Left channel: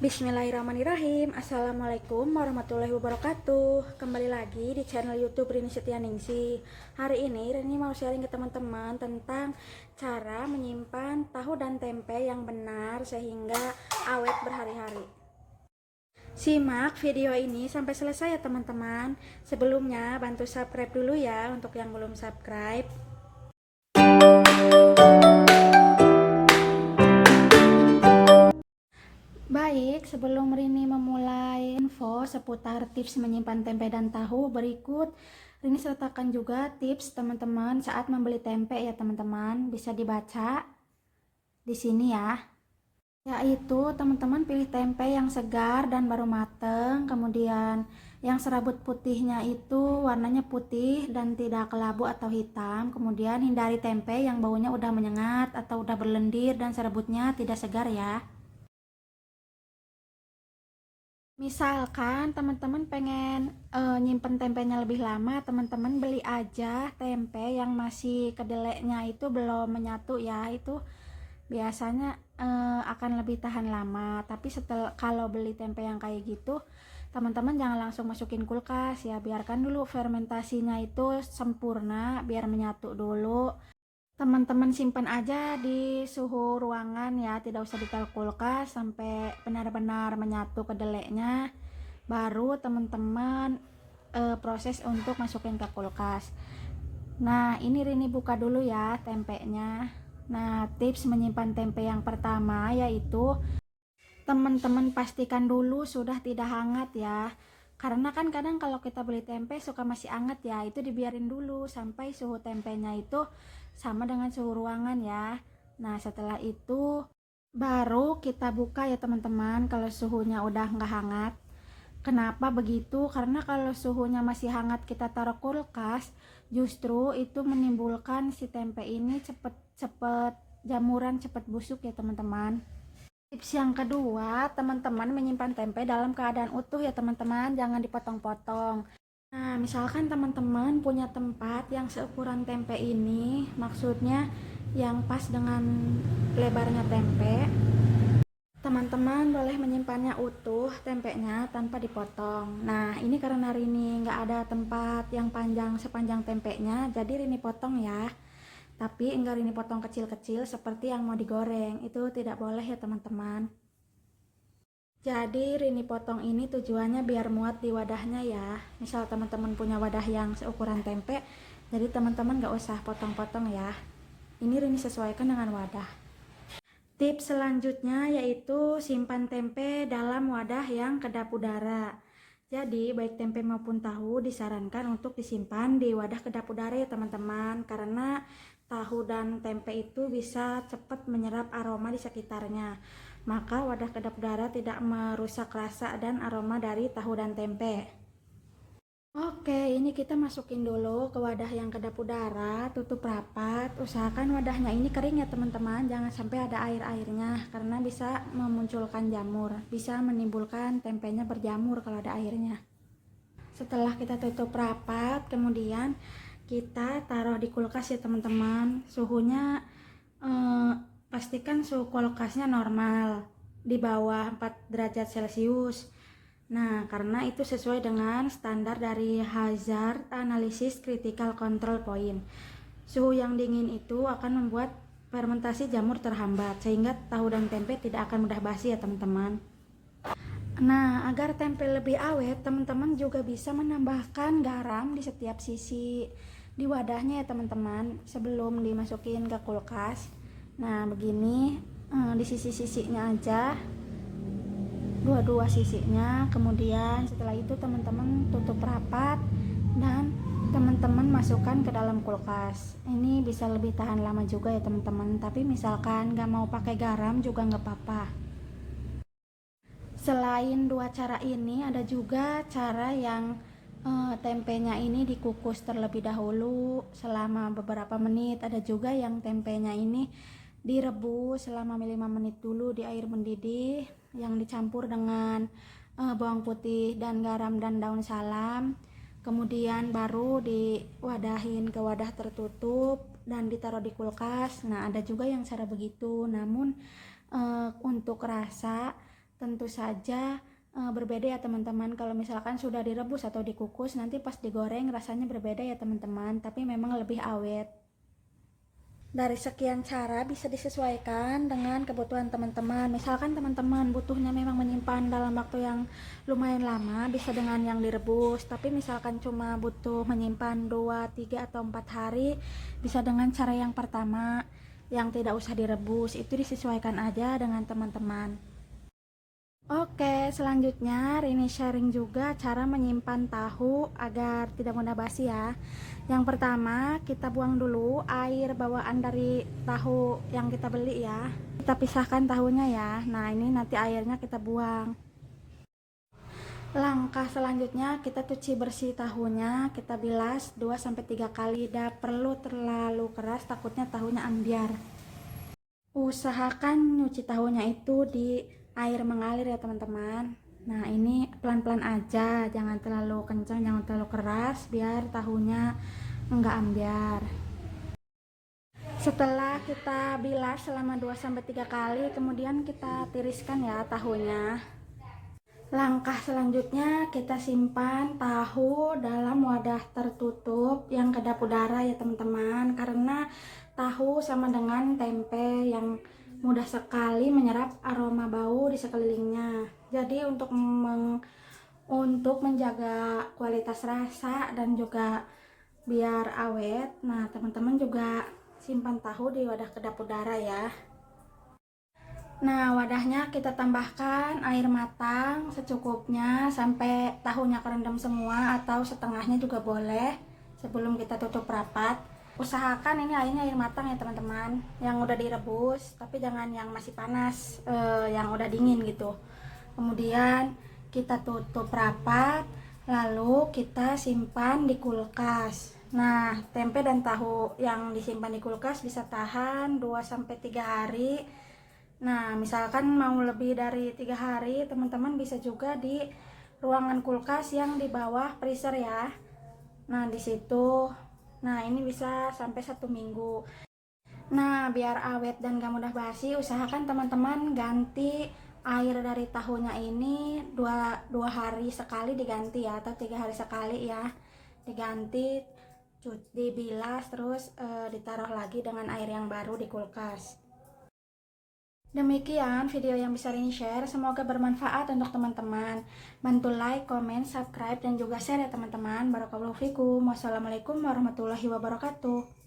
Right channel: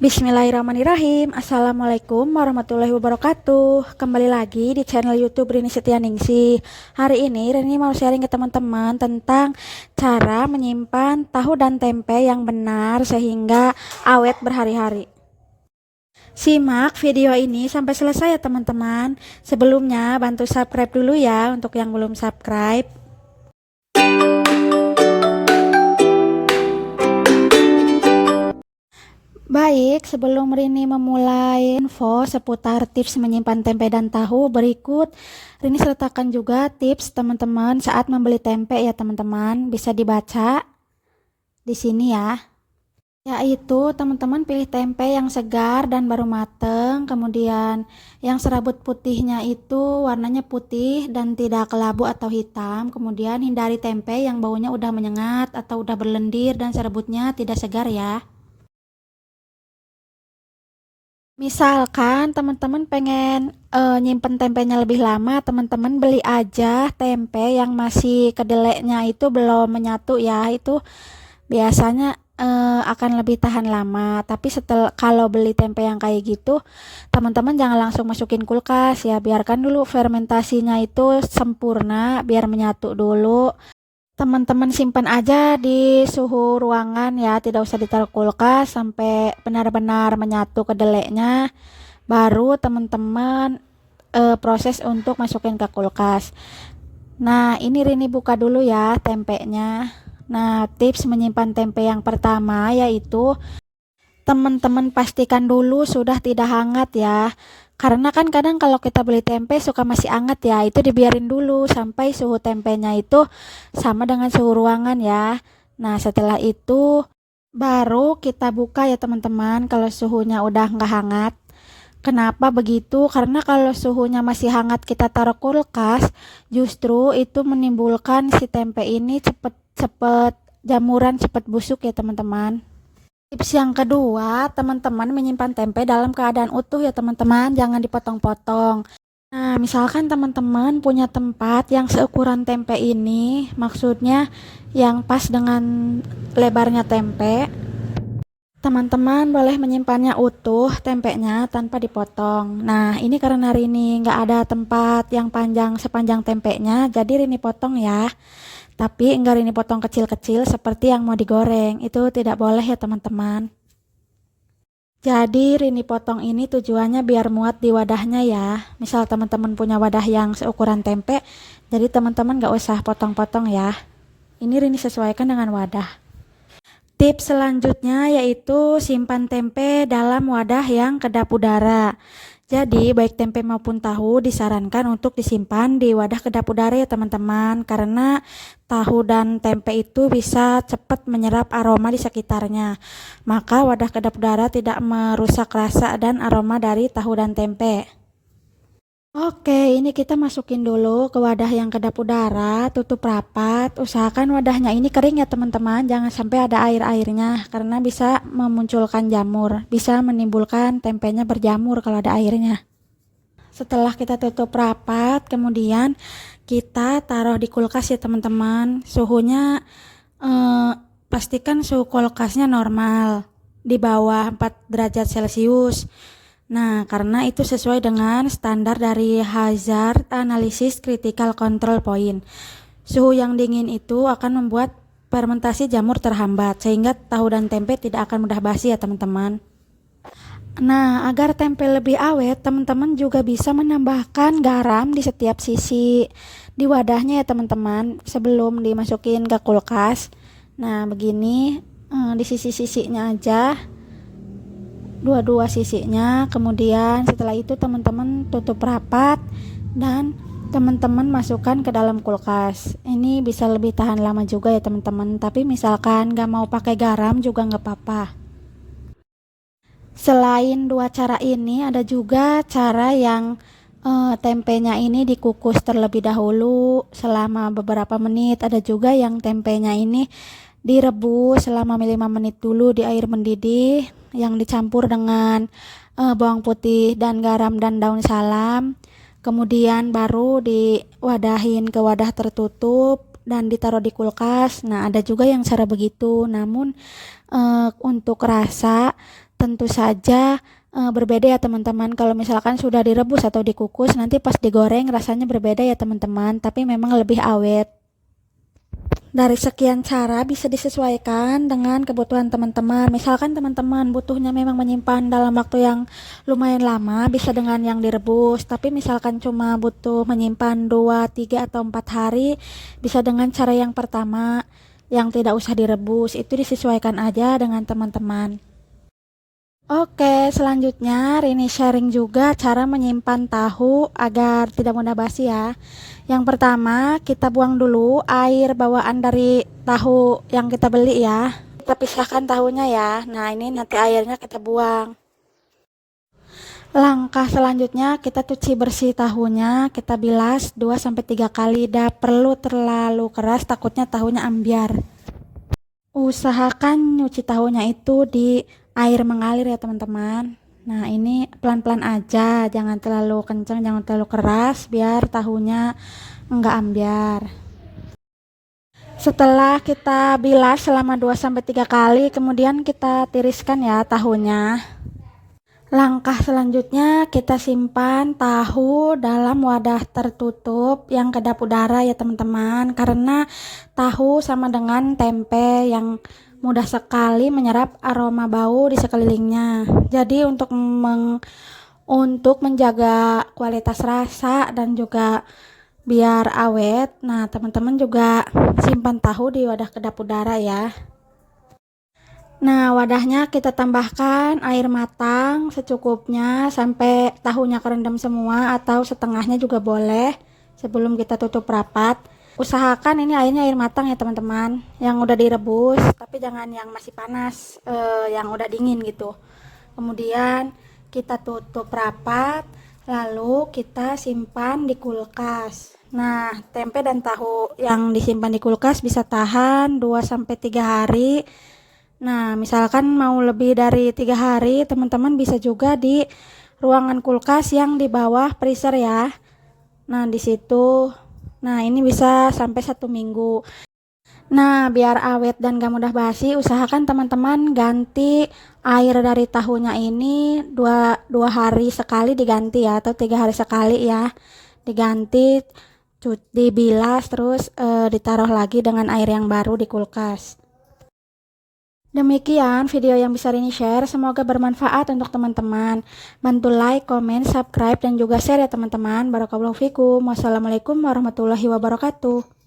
Bismillahirrahmanirrahim. Assalamualaikum warahmatullahi wabarakatuh. Kembali lagi di channel YouTube Rini Setianingsih. Hari ini Rini mau sharing ke teman-teman tentang cara menyimpan tahu dan tempe yang benar sehingga awet berhari-hari. Simak video ini sampai selesai ya teman-teman. Sebelumnya bantu subscribe dulu ya untuk yang belum subscribe. Baik, sebelum Rini memulai info seputar tips menyimpan tempe dan tahu, berikut Rini sertakan juga tips teman-teman saat membeli tempe ya teman-teman. Bisa dibaca di sini ya. Yaitu teman-teman pilih tempe yang segar dan baru mateng, kemudian yang serabut putihnya itu warnanya putih dan tidak kelabu atau hitam. Kemudian hindari tempe yang baunya udah menyengat atau udah berlendir dan serabutnya tidak segar ya. Misalkan teman-teman pengen nyimpen tempenya lebih lama, teman-teman beli aja tempe yang masih kedelainya itu belum menyatu ya. Itu biasanya akan lebih tahan lama. Tapi setelah kalau beli tempe yang kayak gitu, teman-teman jangan langsung masukin kulkas ya. Biarkan dulu fermentasinya itu sempurna biar menyatu dulu. Teman-teman simpan aja di suhu ruangan ya, tidak usah ditaruh kulkas sampai benar-benar menyatu kedelainya. Baru teman-teman proses untuk masukin ke kulkas. Nah, ini Rini buka dulu ya tempenya. Nah, tips menyimpan tempe yang pertama yaitu teman-teman pastikan dulu sudah tidak hangat ya. Karena kan kadang kalau kita beli tempe suka masih hangat ya, itu dibiarin dulu sampai suhu tempenya itu sama dengan suhu ruangan ya. Nah, setelah itu baru kita buka ya teman-teman kalau suhunya udah nggak hangat. Kenapa begitu? Karena kalau suhunya masih hangat kita taruh kulkas, justru itu menimbulkan si tempe ini cepet jamuran, cepet busuk ya teman-teman. Tips yang kedua, teman-teman menyimpan tempe dalam keadaan utuh ya teman-teman, jangan dipotong-potong. Nah, misalkan teman-teman punya tempat yang seukuran tempe ini, maksudnya yang pas dengan lebarnya tempe, teman-teman boleh menyimpannya utuh tempenya tanpa dipotong. Nah, ini karena Rini nggak ada tempat yang panjang sepanjang tempenya, jadi Rini potong ya. Tapi enggak Rini potong kecil-kecil seperti yang mau digoreng. Itu tidak boleh ya teman-teman. Jadi Rini potong ini tujuannya biar muat di wadahnya ya. Misal teman-teman punya wadah yang seukuran tempe, jadi teman-teman nggak usah potong-potong ya. Ini Rini sesuaikan dengan wadah. Tips selanjutnya yaitu simpan tempe dalam wadah yang kedap udara. Jadi baik tempe maupun tahu disarankan untuk disimpan di wadah kedap udara ya teman-teman, karena tahu dan tempe itu bisa cepat menyerap aroma di sekitarnya. Maka wadah kedap udara tidak merusak rasa dan aroma dari tahu dan tempe. Oke, ini kita masukin dulu ke wadah yang kedap udara, tutup rapat. Usahakan wadahnya ini kering ya teman-teman, jangan sampai ada air-airnya karena bisa memunculkan jamur, bisa menimbulkan tempenya berjamur kalau ada airnya. Setelah kita tutup rapat, kemudian kita taruh di kulkas ya teman-teman. Suhunya pastikan suhu kulkasnya normal, di bawah 4 derajat Celcius. Nah, karena itu sesuai dengan standar dari Hazard Analysis Critical Control Point. Suhu yang dingin itu akan membuat fermentasi jamur terhambat, sehingga tahu dan tempe tidak akan mudah basi ya teman-teman. Nah, agar tempe lebih awet, teman-teman juga bisa menambahkan garam di setiap sisi di wadahnya ya teman-teman, sebelum dimasukin ke kulkas. Nah, begini di sisi-sisinya aja, dua-dua sisinya. Kemudian setelah itu teman-teman tutup rapat dan teman-teman masukkan ke dalam kulkas. Ini bisa lebih tahan lama juga ya teman-teman, tapi misalkan gak mau pakai garam juga gak apa-apa. Selain dua cara ini, ada juga cara yang tempenya ini dikukus terlebih dahulu selama beberapa menit. Ada juga yang tempenya ini direbus selama 5 menit dulu di air mendidih yang dicampur dengan bawang putih dan garam dan daun salam. Kemudian baru diwadahin ke wadah tertutup dan ditaruh di kulkas. Nah, ada juga yang cara begitu. Namun untuk rasa Tentu saja berbeda ya teman-teman. Kalau misalkan sudah direbus atau dikukus, nanti pas digoreng rasanya berbeda ya teman-teman, tapi memang lebih awet. Dari sekian cara bisa disesuaikan dengan kebutuhan teman-teman. Misalkan teman-teman butuhnya memang menyimpan dalam waktu yang lumayan lama, bisa dengan yang direbus. Tapi misalkan cuma butuh menyimpan 2, 3, atau 4 hari, bisa dengan cara yang pertama, yang tidak usah direbus. Itu disesuaikan aja dengan teman-teman. Oke, selanjutnya Rini sharing juga cara menyimpan tahu agar tidak mudah basi ya. Yang pertama, kita buang dulu air bawaan dari tahu yang kita beli ya. Kita pisahkan tahunya ya. Nah, ini nanti airnya kita buang. Langkah selanjutnya, kita cuci bersih tahunya, kita bilas 2-3 kali. Tidak perlu terlalu keras, takutnya tahunya ambiar. Usahakan nyuci tahunya itu di air mengalir ya teman-teman. Nah, ini pelan-pelan aja, jangan terlalu kencang, jangan terlalu keras, biar tahunya enggak ambiar. Setelah kita bilas selama 2-3 kali, kemudian kita tiriskan ya tahunya. Langkah selanjutnya, kita simpan tahu dalam wadah tertutup yang kedap udara ya teman-teman, karena tahu sama dengan tempe yang mudah sekali menyerap aroma bau di sekelilingnya. Jadi untuk menjaga kualitas rasa dan juga biar awet, nah teman-teman juga simpan tahu di wadah kedap udara ya. Nah, wadahnya kita tambahkan air matang secukupnya sampai tahunya kerendam semua, atau setengahnya juga boleh sebelum kita tutup rapat. Usahakan ini airnya air matang ya teman-teman, yang udah direbus, tapi jangan yang masih panas, yang udah dingin gitu. Kemudian kita tutup rapat, lalu kita simpan di kulkas. Nah, tempe dan tahu yang disimpan di kulkas bisa tahan 2-3 hari. Nah, misalkan mau lebih dari 3 hari, teman-teman bisa juga di ruangan kulkas yang di bawah freezer ya. Nah, di situ, nah ini bisa sampai 1 minggu. Nah, biar awet dan gak mudah basi, usahakan teman-teman ganti air dari tahunya ini dua hari sekali diganti ya, atau 3 hari sekali ya. Diganti, dibilas, terus ditaruh lagi dengan air yang baru di kulkas. Demikian video yang bisa Rini share, semoga bermanfaat untuk teman-teman. Bantu like, komen, subscribe, dan juga share ya teman-teman. Barakallahu fikum. Wassalamualaikum warahmatullahi wabarakatuh.